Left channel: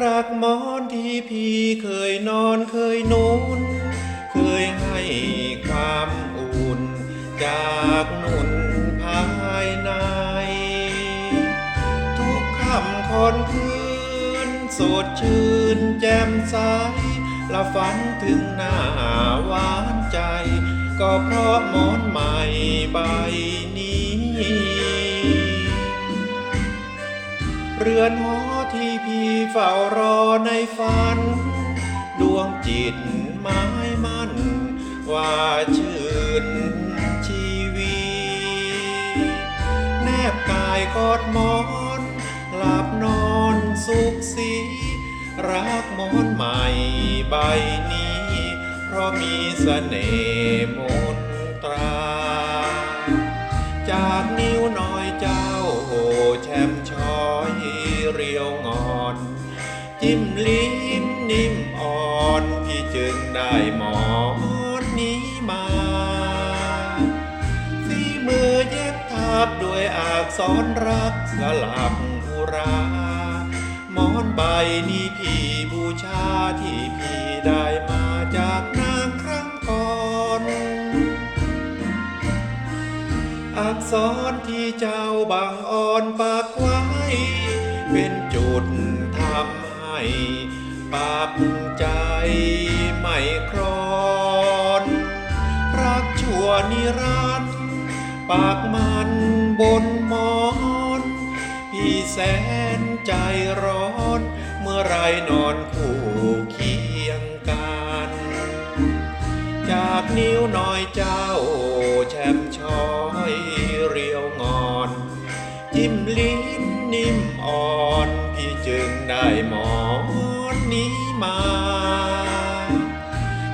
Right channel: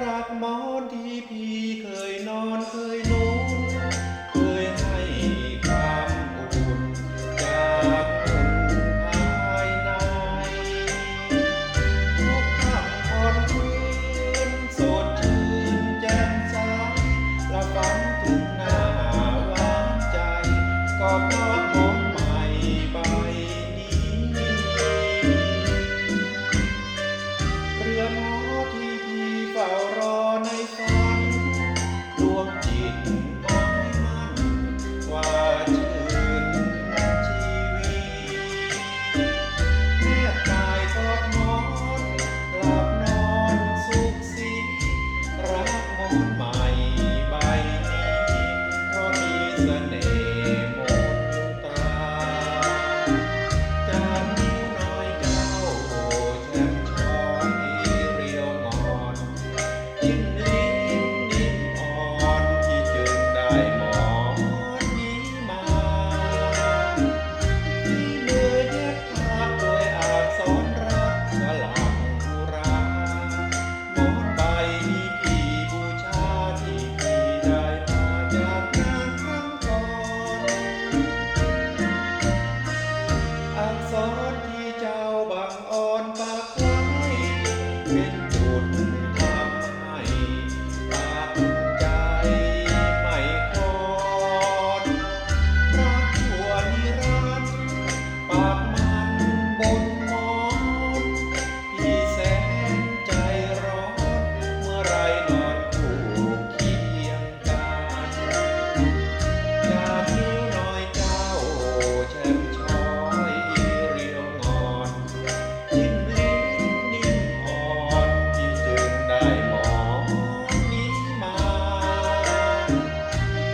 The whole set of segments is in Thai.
รักหมอนที่พี่เคยนอนเคยนุ่นเคยให้ความอุ่นจากนุ่นภายใน ทุกคำผ่อนคืนสดชื่น เฝ้ารอในฝัน ดวงจิตหมายมั่น ว่าชื่นชีวีแนบกายกอดมอนหลับนอนสุขสี รักมอนใหม่ใบนี้ เพราะมีเสน่ห์มนตรา จิ้มลิ้มนิ่มอ่อนพี่จึงได้หมอนนี้มาที่มือเย็บถักด้วยอักษรรักสลักอุรา หมอนใบนี้พี่บูชาที่พี่ได้มาจากนางครั้งก่อนอักษรที่เจ้าบางอ่อนปากไว้เป็นจุด มช้อยเรียวงอน ยิ้มลิ้นนิ่มอ่อนพี่จึงได้หมอนนี้มา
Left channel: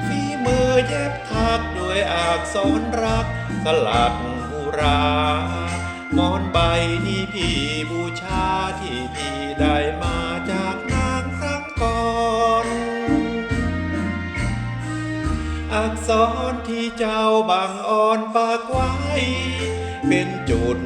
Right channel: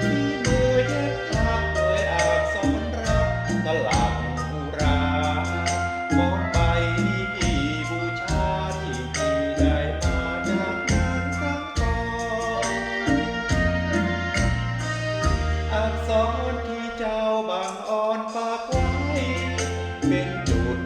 ฝีมือเย็บทักโดยอักษรรักสลักอุราหมอนใบนี้พี่บูชาที่พี่ได้มาจากนางครั้งก่อน อักษร อ่อนปากไว้ เป็นจุด